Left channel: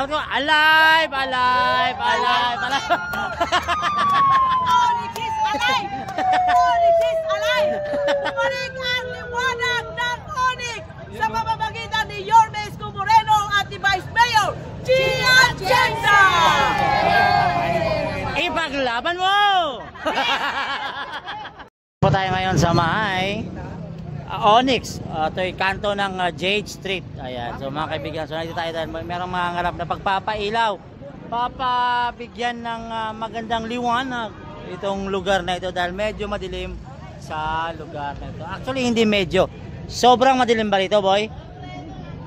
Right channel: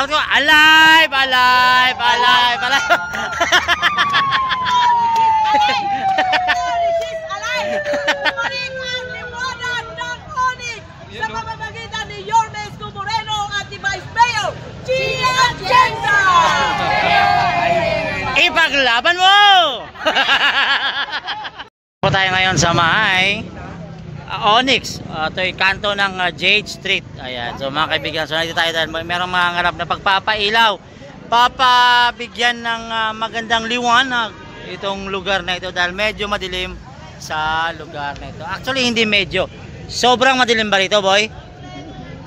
Sabi ko, alive, alive, alive, alive. Onyx is alive! Bumalik ang liwanag ng Onyx sa pamamagitan ni Yorme Isko Moreno at ni Vice Mayor Gia Atienza! Ipaglaban mo! Po tayo ngayon sa may Onyx. Ito yung kanto ng Jade Street. Ayan. So mga kaibigan, so nandito tayo dahil merong mga ngarap na pagpapailaw. Papabigyan ng magandang liwanag itong lugar na ito dahil medyo madilim sa lugar na ito. Actually hindi medyo. Sobrang madilim ba rito, boy?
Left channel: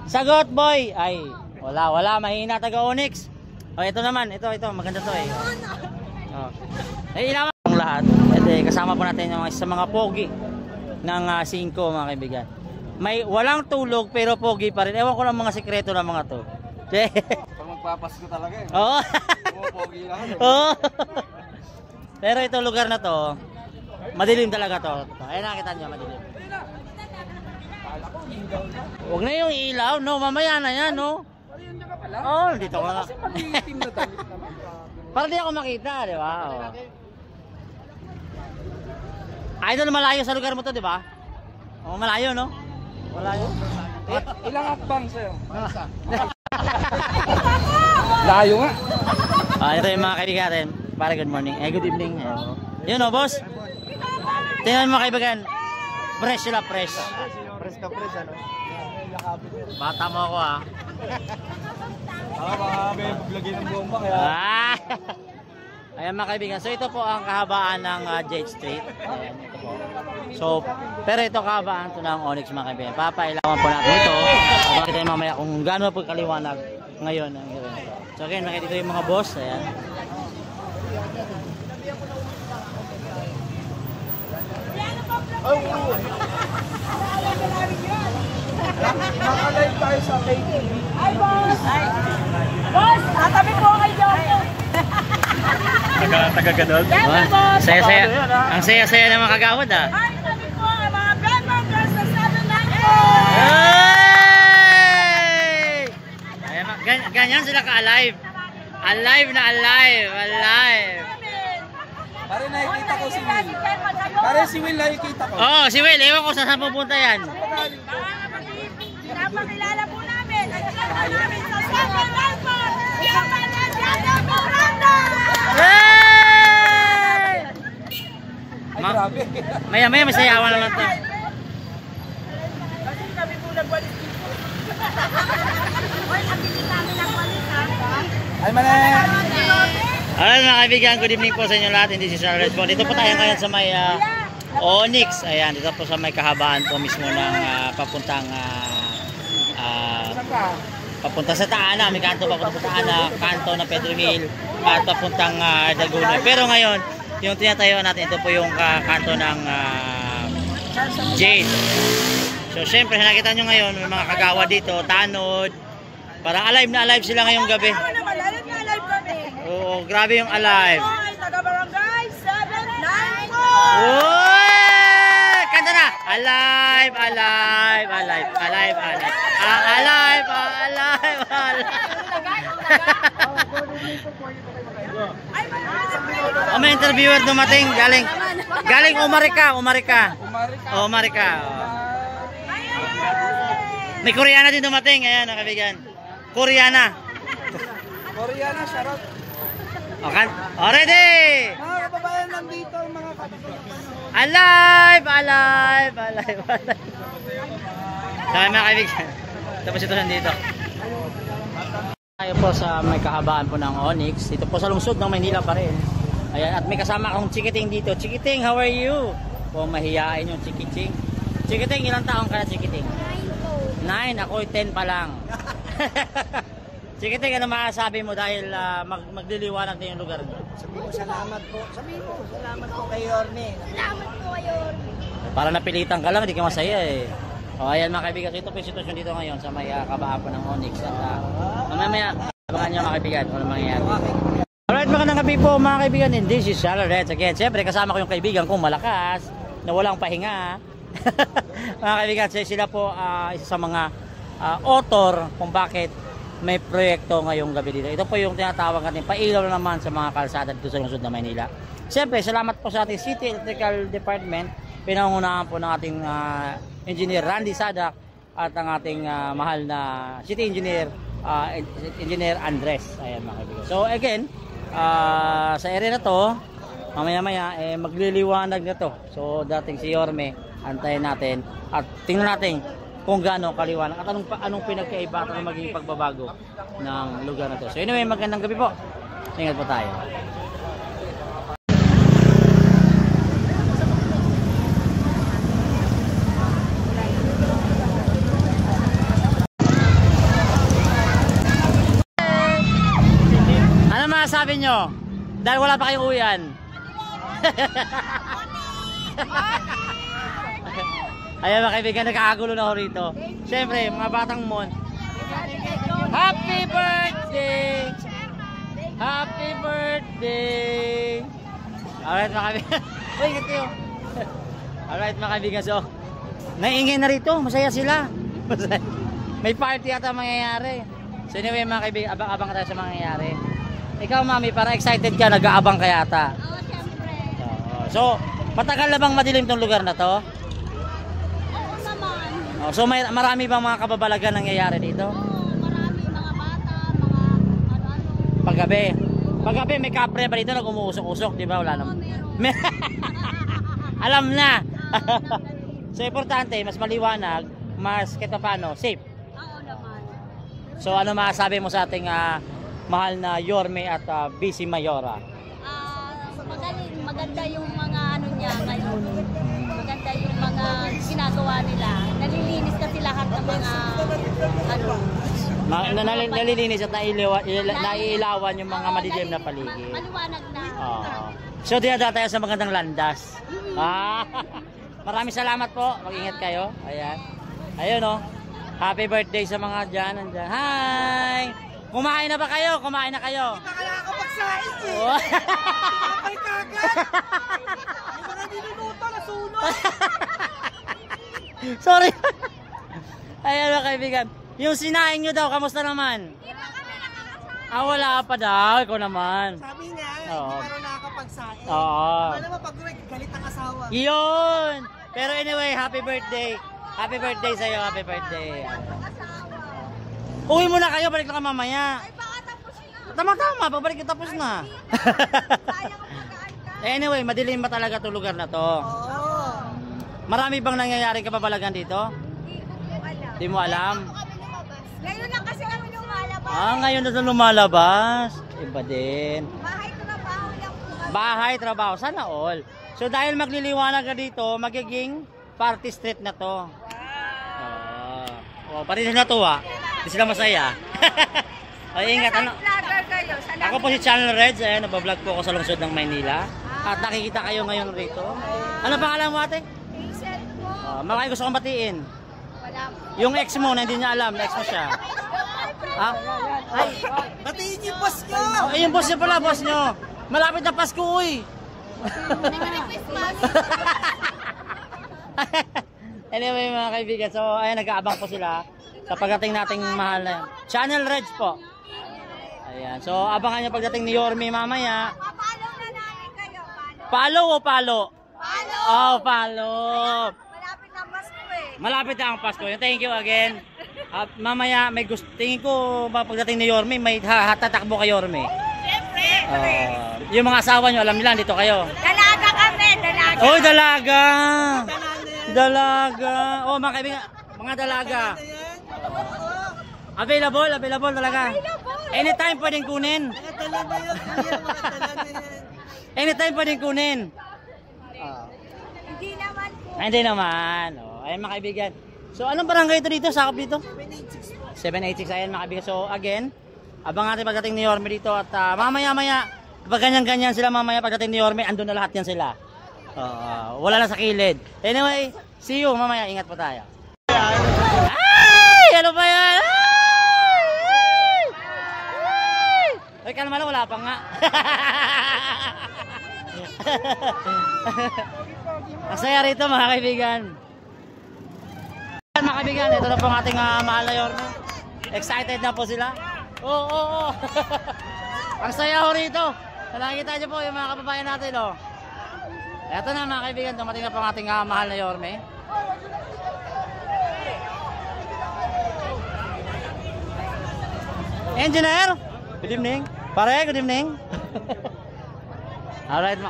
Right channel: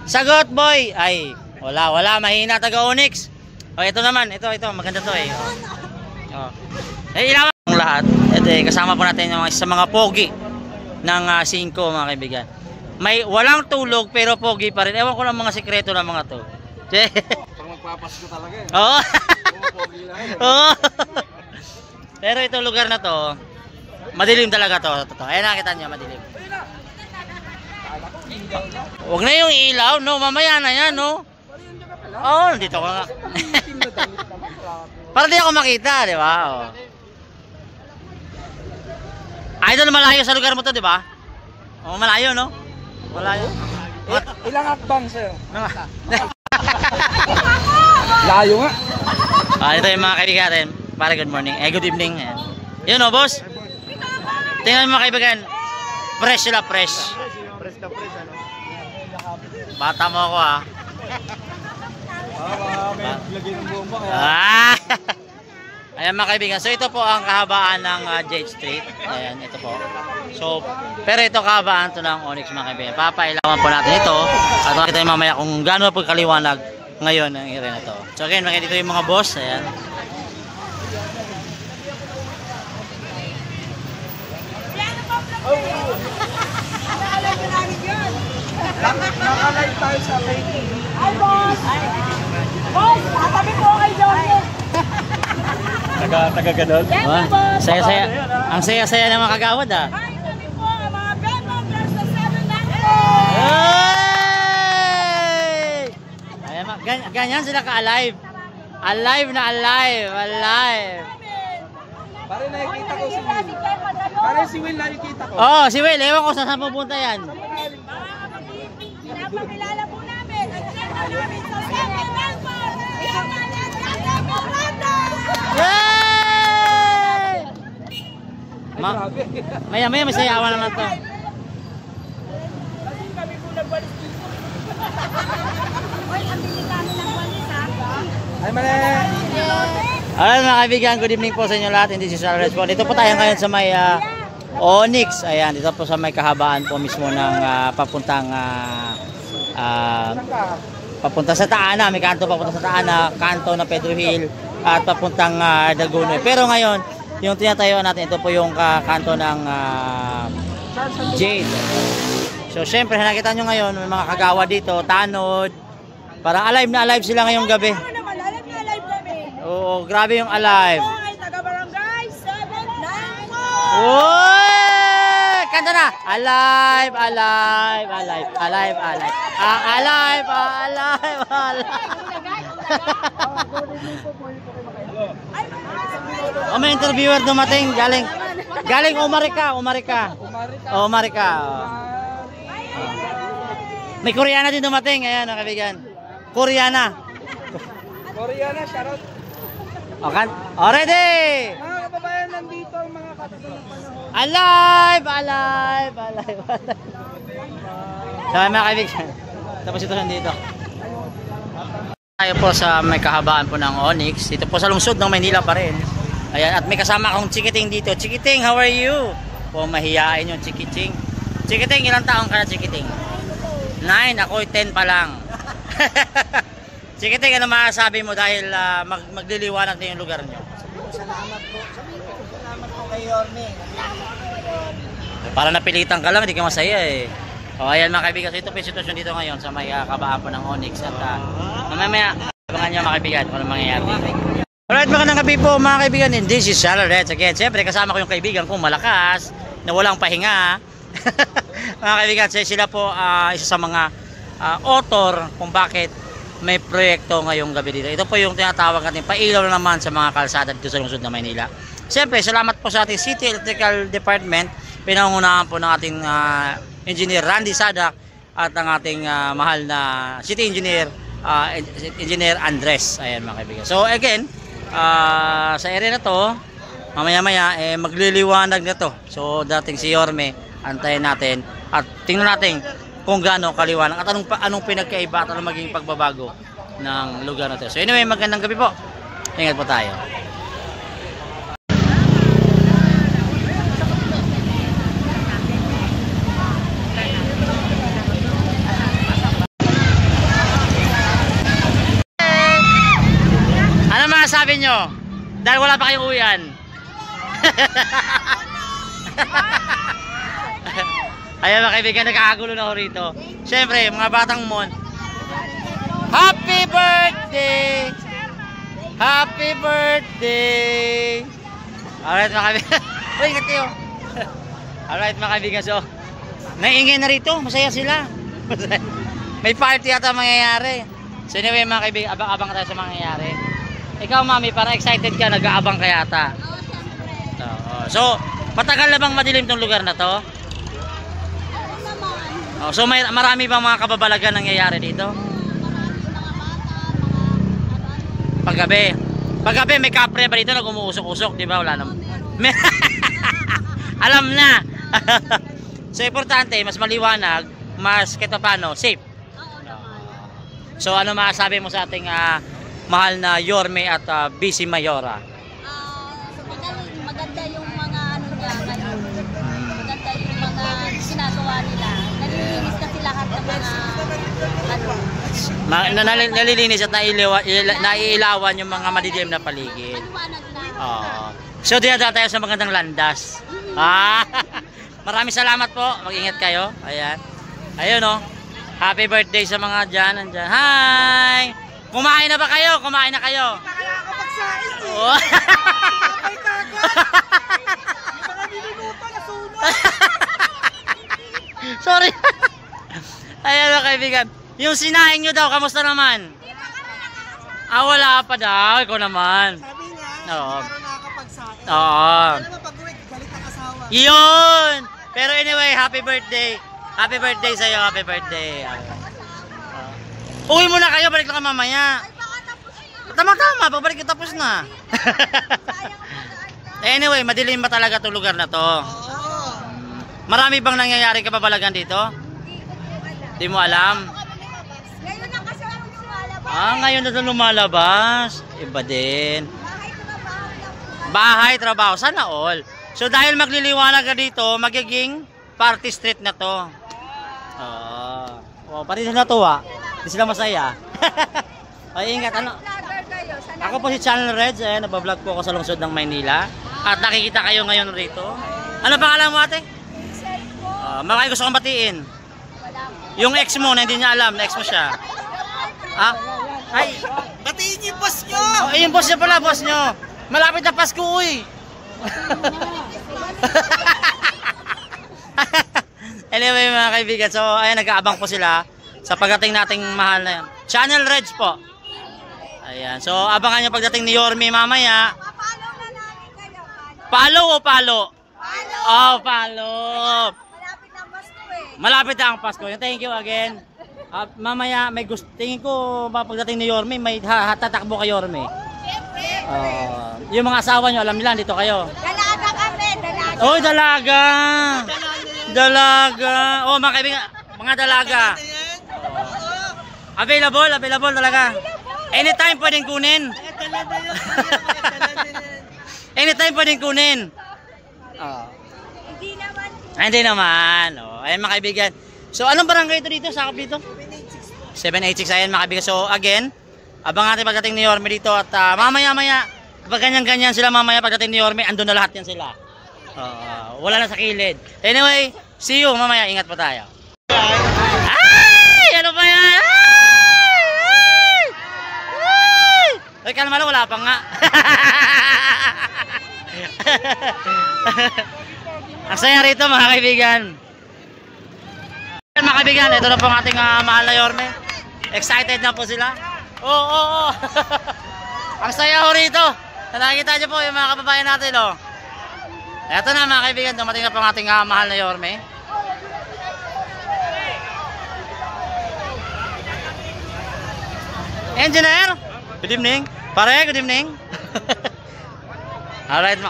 Sagot, boy! Ay, wala. Mahina taga Onyx. O, ito naman. Ito. Maganda to eh. O. Ilawan ang lahat. Ito eh, kasama po natin yung sa mga pogi ng 5 mga kaibigan. May walang tulog pero pogi pa rin. Ewan ko lang mga sekreto ng mga to. Pag magpapasko talaga eh. Oo. Pogi lang eh. Oo. Pero itong lugar na to, madilim talaga to. Ayan, nakita nyo, madilim. Huwag na yung ilaw, no? Mamaya na yan, no? Oo, dito ko nga. Para di ako makita, di ba? Oh. Idol, malayo sa lugar mo to, di ba? Oh, malayo, no? Malayo. Ilang akbang sa'yo? Layo nga. Ito yung mga kaibigan natin. Para good morning. Good evening. Ayan. Yun, no, boss? Tingnan mo mga kaibigan. Fresh sila, fresh. Fresh ka fresh, ano? Bata mo ako, ha? Baka may lagay ng bomba kaya. Ayan mga kaibigan. So ito po ang kahabaan ng Jade Street. Ayan, ito po. So, pero ito kahabaan to ng Onyx mga kaibigan. Papailawan po natin ito. At makita nyo mamaya kung gaano po kaliwanag ngayon ang area na to. So again, makita dito yung mga boss. Ayan. Nakalive tayo sa KTV. Ay, boss! Boss, katabi po kay Jorge. Taga-ganon? Yan, boss! Saya-saya. Ang saya-saya ng mga kagawad, ha? Ay, katabi po ang mga members na sabi lang po! Hey! Ayan, ganyan sila ka-alive. Alive na alive. Alive. Pare nakikita ko si Will. Pare si Will nakikita ko. Oh, si Will. Ewan ko saan pupunta yan. Pinapakilala po namin at sinama namin sa Second Airport, yung Malagana Miranda! Hey! Maya-maya may sayawan naman to. Kasi kami po nagwalis dito. Oy, ang bilis namin nagwalis, ha? Ay, mali! Alright mga kaibigan, good evening po sa inyo lahat. Hindi si Charles po. Dito po tayo ngayon sa may Onyx. Ayan, dito po sa may kahabaan po mismo ng papunta sa Taana. May kanto papunta sa Taana, kanto ng Pedro Hill at papuntang Daguno. Pero ngayon, yung tinatayuan natin, ito po yung kanto ng Jade. So syempre, nakita nyo ngayon, may mga kagawa dito, tanod. Parang alive na alive sila ngayong gabi. Alive na alive kami. Oo, grabe yung alive. Ito ay taga-barangay 794. Uy! Kanta na! Alive, alive, alive, alive, alive. Alive, alive, alive. Oh, may interviewer dumating. Galing Umarika. Oh. May Koreana din dumating. Ayan, mga kaibigan. Koreana, shoutout. Okay. Already! Mga kababayan nandito, mga katagal ng panahon. Alive! Dami mga kaibigan. Tapos ito nandito. Tayo po sa may kahabaan po ng Onyx. Dito po sa lungsod ng Maynila pa rin. Ayan, at may kasama akong Chikiting dito. Chikiting, how are you? Po, mahihain yung Chikiting. Chikiting, ilang taong ka na Chikiting? 9, ako 10 pa lang. Chikiting, ano masasabi mo dahil magliliwanag na yung lugar nyo? Salamat po. Sabihin ko, salamat po kay Yorme. Salamat po kay Yorme. Para napilitan ka lang, hindi ka masaya eh. O ayan mga kaibigan, so ito po yung sitwasyon dito ngayon sa may kabaan po ng Onyx. At mamaya, abangan nyo mga kaibigan kung ano mangyayari dito. Alright, magandang gabi po mga kaibigan. And this is Charles again. Siyempre kasama ko yung kaibigan kong malakas na walang pahinga. Mga kaibigan, sila po isa sa mga author kung bakit may proyekto ngayong gabi dito. Ito po yung tinatawag natin pailaw na naman sa mga kalsada dito sa lungsod ng Maynila. Siyempre, salamat po sa ating City Electrical Department, pinangunahan po ng ating Engineer Randy Sadak at ang ating mahal na City Engineer, Engineer Andres. Ayan mga kaibigan. So again, sa area na to, mamaya-maya magliliwanag na to. So dating si Yorme, antayin natin at tingnan natin kung gaano kaliwanag at anong pinagkaiba at anong maging pagbabago ng lugar na to. So anyway, magandang gabi po. Ingat po tayo. Ano masasabi nyo? Dahil wala pa kayong uwian. Ayan mga kaibigan, nagkakagulo na ako rito. Siyempre, mga batang mon. Happy birthday! Happy birthday! Alright mga kaibigan. Uy, ingat kayo. Alright mga kaibigan, so naingay na rito, masaya sila. May party yata mangyayari. So anyway mga kaibigan, abang-abang tayo sa mangyayari. Ikaw mami, para excited ka, nag-aabang ka yata. So, matagal na bang madilim tong lugar na to? Oh, so marami bang mga kababalagan nangyayari dito? Paggabi. Paggabi may kapre ba dito nag-umuusok-usok, di ba? Wala naman. Alam na. So importante, mas maliwanag, mas kahit paano, safe. So ano masasabi mo sa ating mahal na Yorme at Vice Mayora? Maganda yung mga ano niya ngayon. Maganda yung mga ginagawa nila. Nalilinis kasi lahat ng mga nalilinis at naiilawan yung mga madidilim na paligid. So diyan tayo sa magandang landas. Maraming salamat po. Mag-ingat kayo. Ayan. Ayun oh. Happy birthday sa mga dyan. Andyan. Hi! Kumain na ba kayo? Kumain na kayo? Kaya ako magsain eh. Oh. Kapay kagad. Yung mga niligupa, nasunog. Sorry. Ayan mga kaibigan. Yung sinaing nyo daw, kamusta naman? Wala pa daw. Ikaw naman. Sabi niya, Oo. hindi na nakakapagsain. Oo. Alam mo, pag-uwi, galit ang asawa. Yun! Pero anyway, happy birthday. Happy birthday sa'yo. Happy birthday. Uwi muna kayo. Balik na ka mamaya. Tama-tama. Pagbalik tapos na. Anyway, madilim ba talaga itong lugar na to? Oo. Marami bang nangyayari kababalagan dito? Di mo alam? Ngayon lang kasi kami lumalabas. Ngayon na doon lumalabas. Iba din. Bahay, trabaho. Sana all. So dahil magliliwanag ka dito, magiging party street na to. Pati sila natuwa. Hindi sila masaya. Ay, ingat. Ano? Ako po si Channel Reds. Nabablog po ako sa lungsod ng Maynila. At nakikita kayo ngayon rito. Ano pangalan mo ate? Makay gusto kong batiin. Yung ex mo na hindi niya alam na ex mo siya. Ay. Batiin niyo yung boss nyo! Yung boss niya pala, boss nyo. Malapit na Pasko, uy. Anyway mga kaibigan, so ayan, nag-aabang po sila sa pagdating nating mahal na yan. Channel Reds po. Ayan, so abangan nyo pagdating ni Yorme mamaya. Follow o palo? Oh, follow. Malapit na Pasko eh. Malapit na ang Pasko. Thank you again. Mamaya may gusto, tingin ko pagdating ni Yorme may tatakbo kay Yorme. Yung mga asawa nyo, alam nila, dito kayo. Dalaga kami, dalaga. Oy, dalaga! Dalaga! Oh, mga kaibigan, mga dalaga. Available talaga. Anytime pwedeng kunin. Anytime pwedeng kunin. Hindi naman. Hindi naman. Ayan mga kaibigan. So, anong barangay ito dito? Sakop dito? 786. Ayan mga kaibigan. So, again, abang natin pagdating ni Yorme dito at mamaya-maya, kapag ganyan-ganyan sila mamaya pagdating ni Yorme, andun na lahat yan sila. Wala na sa kilid. Anyway, see you mamaya. Ingat po tayo. Ay! Ano ba yan? Ay, kalma lang, wala pa nga. Ang saya rito mga kaibigan. Mga kaibigan, ito na po ang ating mahal na Yorme. Excited na po sila. Oo. Ang saya ho rito. Nakikita niyo po yung mga kababayan natin, oh. Eto na mga kaibigan, dumating na po ang ating mahal na Yorme. Engineer, good evening. Pare, good evening. Alright,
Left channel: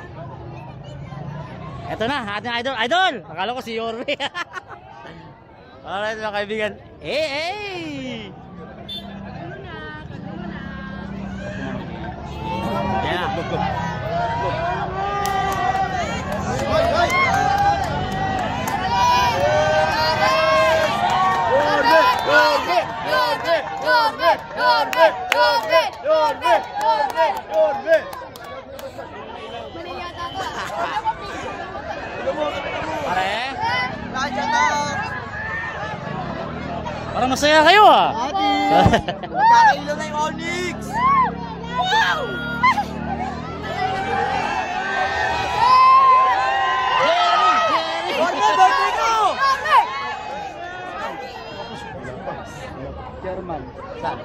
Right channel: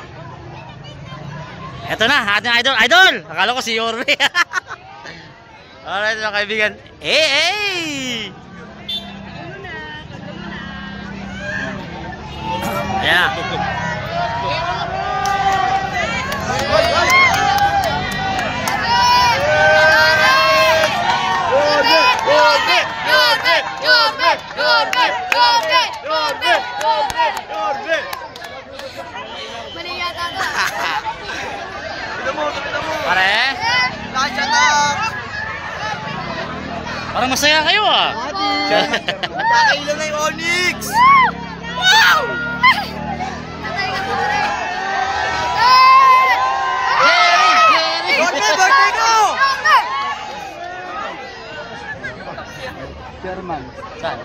eto na, ating idol. Idol! Akala ko si Yorme. Alright mga kaibigan. Hey! Ayan na. Pare? Parang masaya kayo ah. Magkakailo na yung Onyx! Wow! Birthday ko! Saan?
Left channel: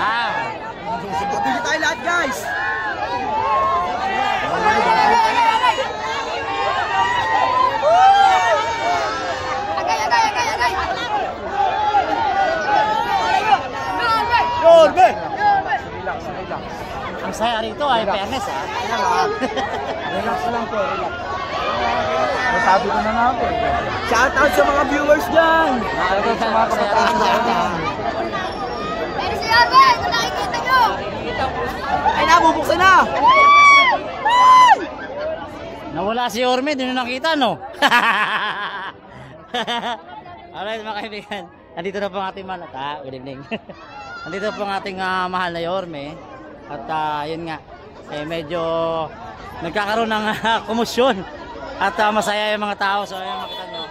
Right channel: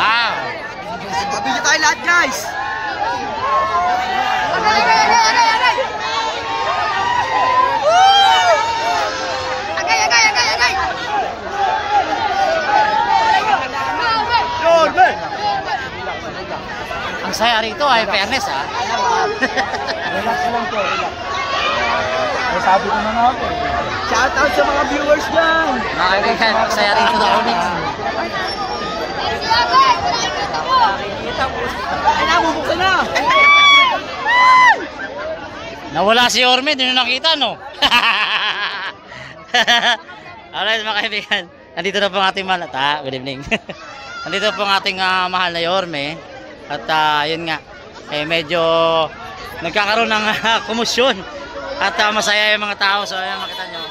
Ah. Pabili tayo lahat, guys! Ang saya rito ay fairness ah. Relax lang po, relax. Sabi ko na nga po. Shout out sa mga viewers dyan! Mga kaibigan, ang saya rito sa Onyx. Ay, nabubuksan na! Nawala si Yorme, hindi nyo nakita no? Alright mga kaibigan, nandito na po ang ating mahal. Good evening. Nandito po ang ating mahal na Yorme. At yun nga, medyo nagkakaroon ng komosyon. At masaya yung mga tao. So ayan, makita nyo.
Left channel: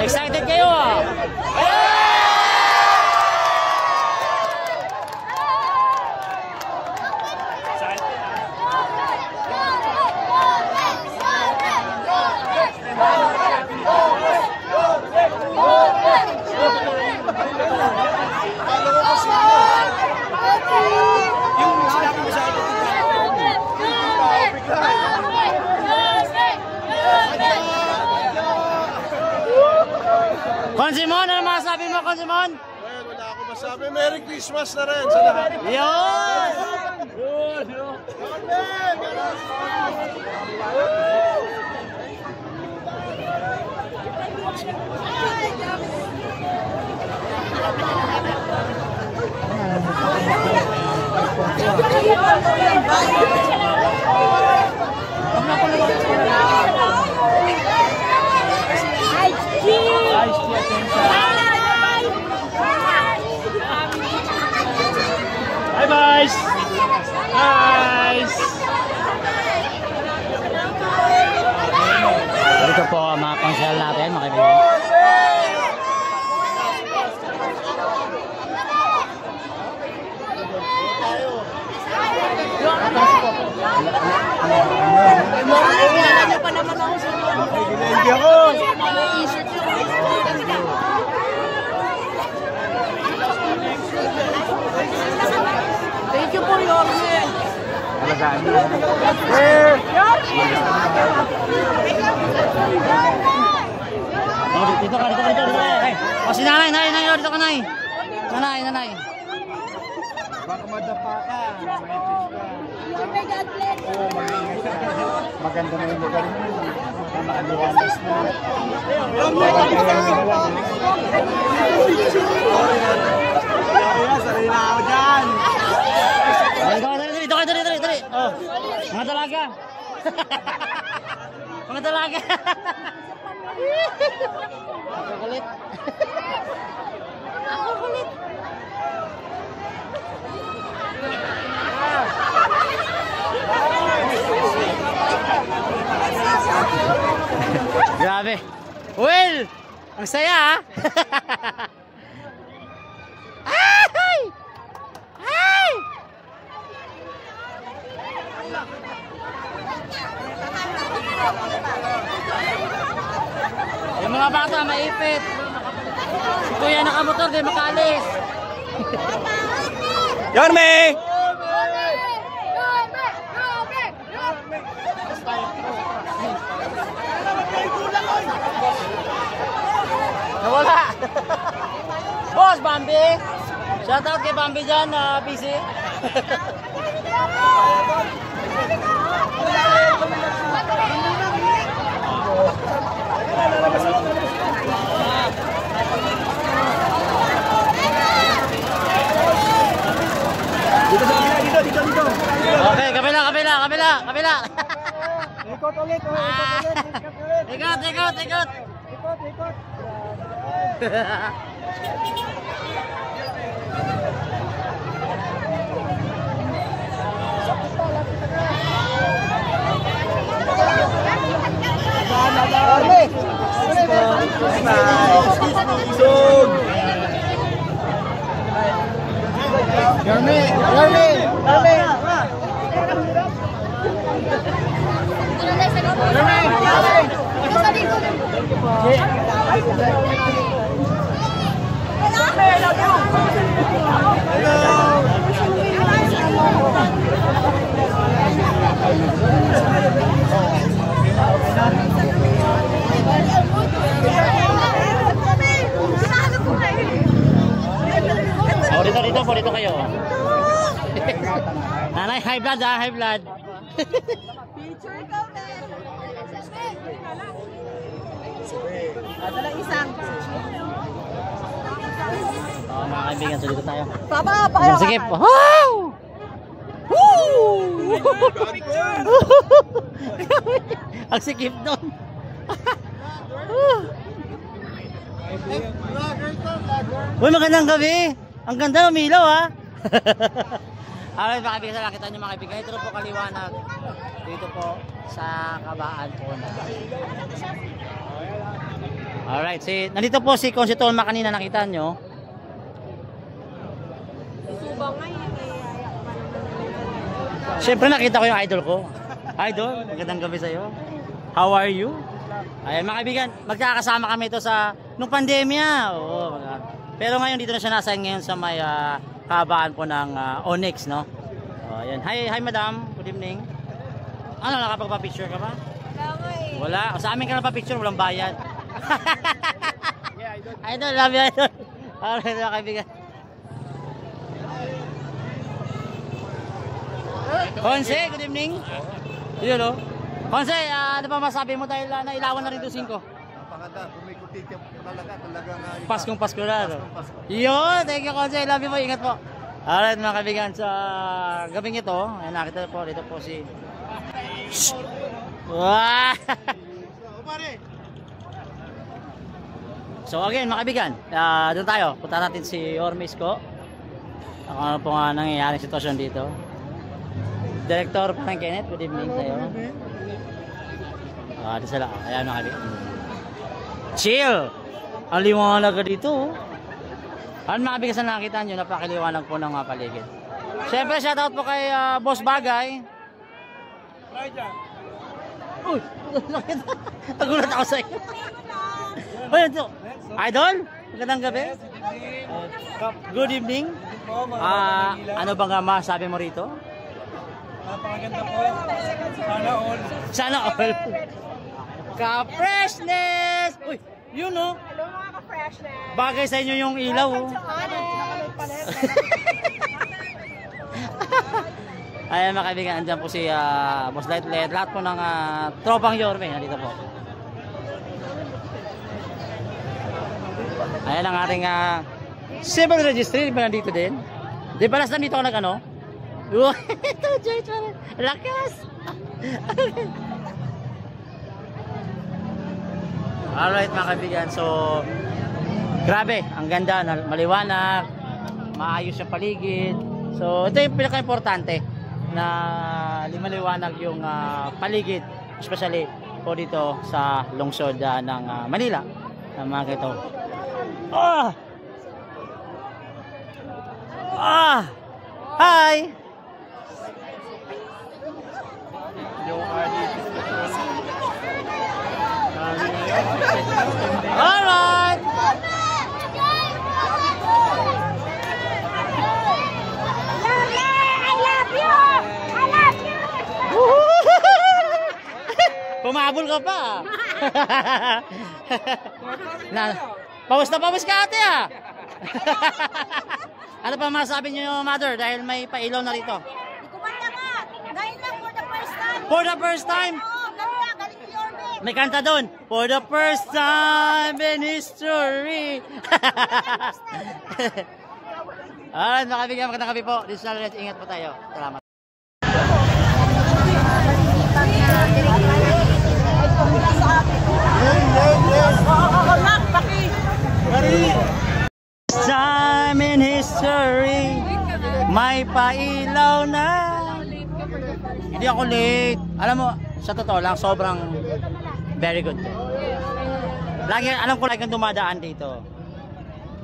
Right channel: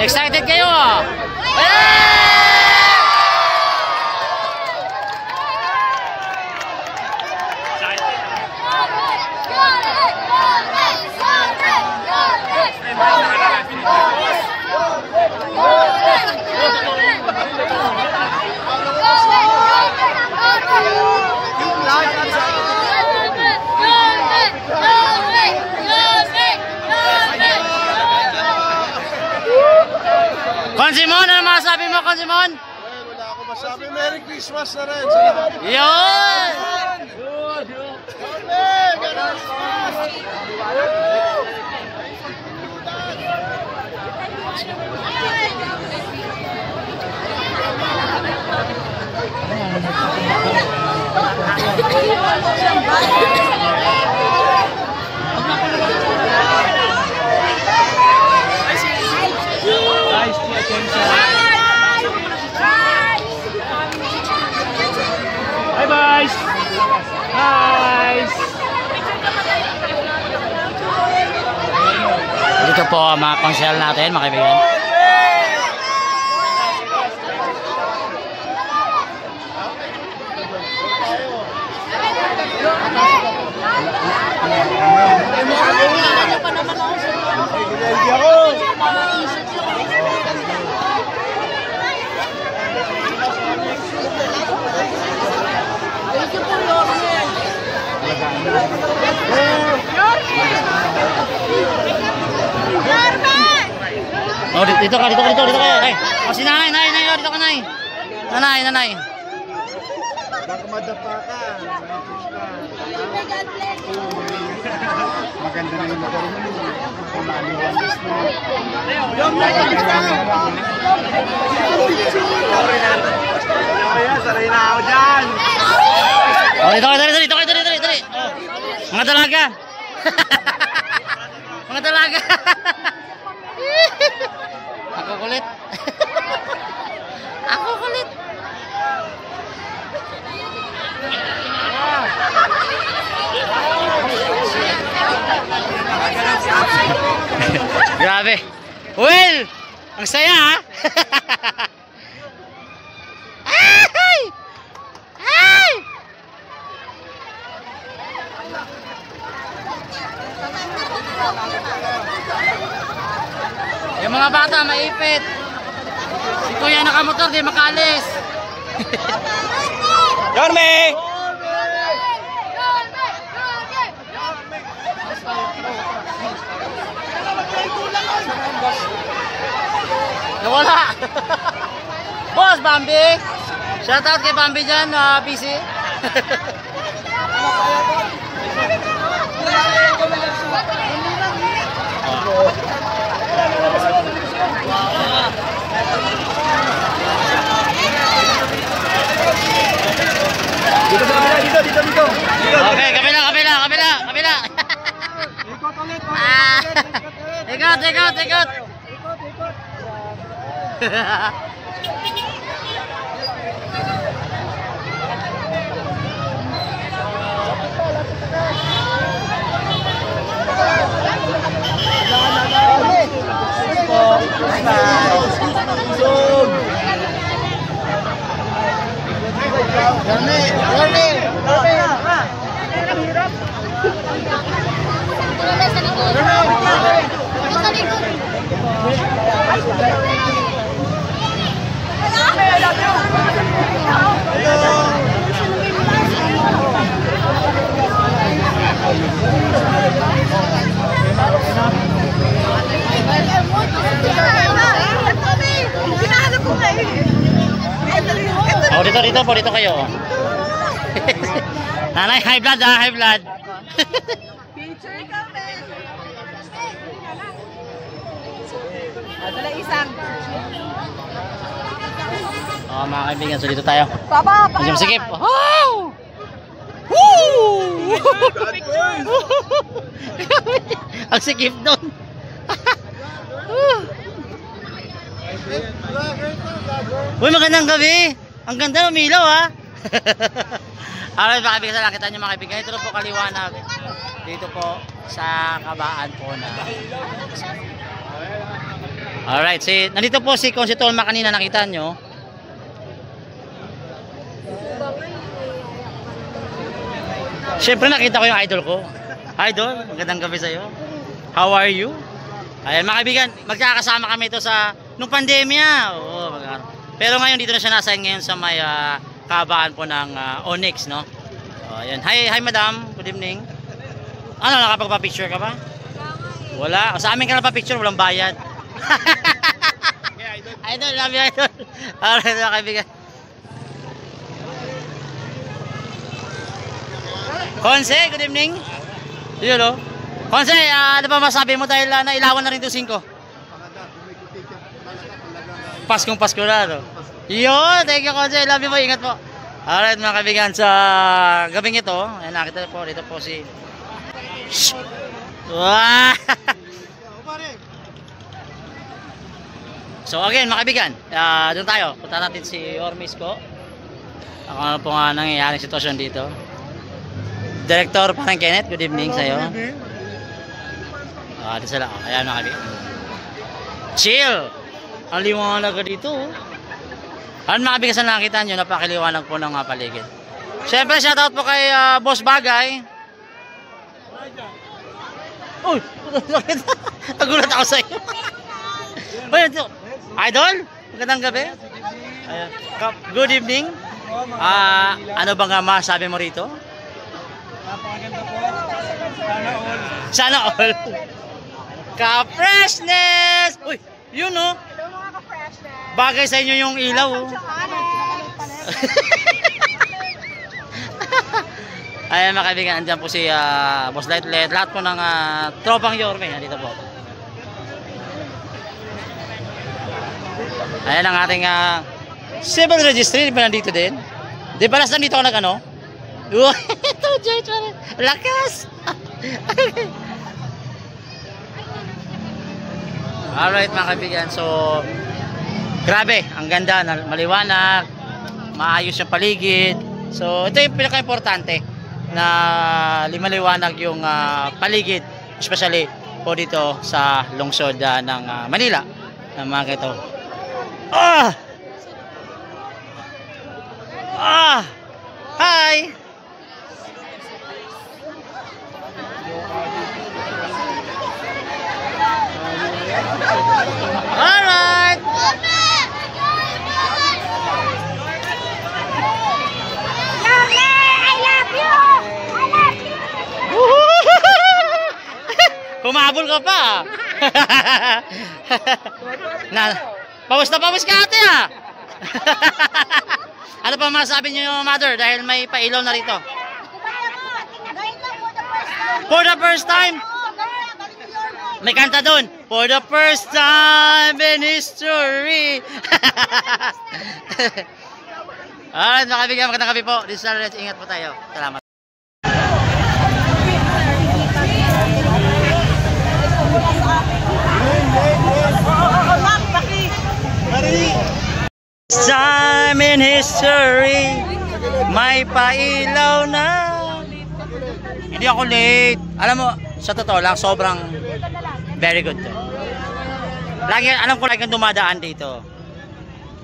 Excited kayo ah! Consimon, ano masasabi mo, Consimon? Well, wala ako masabi. Merry Christmas na rin sa lahat. Yun! Hi, boys! Guys! Dito po ang mga konsyal natin, mga kaibigan. Thank you po, Yorme. Oh, dito ka. Ay, oh, si nanay, oh, dito ka, nay. Nanay. Baka madapa ka. Yorme, God bless you. Maganda na yung lugar mo. Maaliwalas na. Saray na ako dyan. Oh, dito. Oh, mga dalaga. Mga dalaga. Ako kulit. Ako kulit. Grabe. Well, ang saya ha. Ay! Ay! Yung mga bata maipit. Si Kuya nakamotor di makalis. Yorme! Nawala. Boss Bambi. Shout out kay Bambi dyan, busy. Dito. Okay, kabila. Ikot ulit. Ikot. Ikot. Oh, dito kayo. Nanay, high blood ha, high blood. Oh, mga kaibigan, so dito tayo. Medyo masikip. Woo! Woo! Ang sikip doon. Uy, magandang gabi. Ang ganda ng umilaw ha. Alright mga kaibigan, nakita nyo mga kaibigan. Ito po kaliwanag. Dito po sa kabaan po na. Alright, nandito po si Consi Tolma kanina, nakita nyo. Siyempre nakita ko yung idol ko. Idol, magandang gabi sa'yo. How are you? Ayan mga kaibigan, magkakasama kami ito sa nung pandemya. Oo, pero ngayon dito na siya nasa ngayon sa may kabaan po ng Onyx, no? Ayan. Hi madam, good evening. Ano, nakapagpa-picture ka ba? Wala. Sa amin ka nagpa-picture, walang bayad. Idol, love you idol. Alright mga kaibigan. Conse, good evening. Yun o. Conse, ano pa masabi mo dahil nailawan na rin ito 5? Paskong Pasko na, no? Yun, thank you Conse, love you po, ingat po. Alright mga kaibigan, sa gabing ito, ayan, nakita po, dito po si... Wow! So again mga kaibigan, doon tayo, punta natin si Ormis ko. Ano po nga nangyayaring sitwasyon dito. Director parang Kenneth, good evening sa'yo. Dito sila, ayan mga kaibigan. Chill! Ang liwanag ka dito. Ano mga kaibigan, sa nakita nyo, napakaliwanag po ng paligid. Siyempre, shoutout po kay Boss Bagay. Uy! Nagulat ako sa'yo. Uy, ito. Idol, magandang gabi. Good evening. Ano bang masabi mo rito? Napakaganda po. Sana all. Sana all. Ka-freshness! Uy, yun o. Bagay sa inyo yung ilaw o. Ayan mga kaibigan, andyan po si Boss Lightlet. Lahat po ng tropang Yorme. Nandito po. Ayan ang ating civil registry. Di ba nandito din? Di ba last nandito ako nag-ano? Ito, George. Lakas! Alright mga kaibigan. So, grabe. Ang ganda. Maliwanag. Maayos yung paligid. So, ito yung pinaka-importante na maliwanag yung paligid. Especially po dito sa lungsod ng Manila. Ng mga ito. Ah! Ah! Hi! Alright! Humabol ka pa. Pawis na pawis ka ate ah. Ano pa masabi niyo mother dahil may pailaw na rito? For the first time. May kanta doon. For the first time in history. Alright, mga kaibigan, magandang gabi po. This is Alex. Ingat po tayo. Salamat. Time in history, may pailaw na. Hindi ako late. Alam mo, sa totoo lang, sobrang very good to. Lagi, alam ko lagi kang dumadaan dito.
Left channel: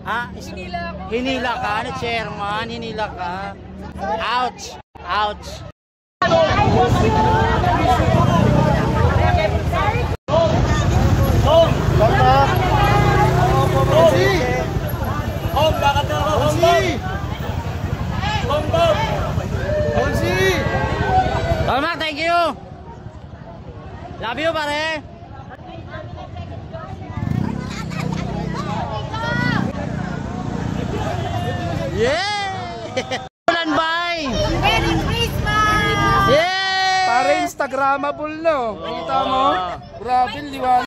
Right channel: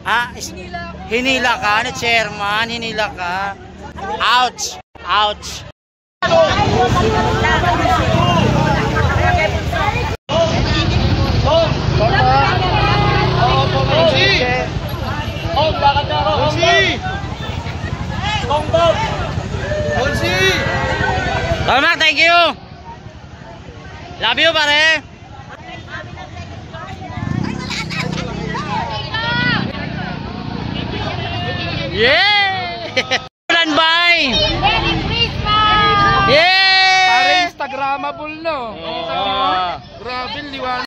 Ah, hinila ka ni chairman, hinila ka. Ouch! Ouch! Tama, thank you. Love you, pare. Yeah! Ulan bay. Merry Christmas! Yeah! Instagramable no. Oh. Grabe liwanag.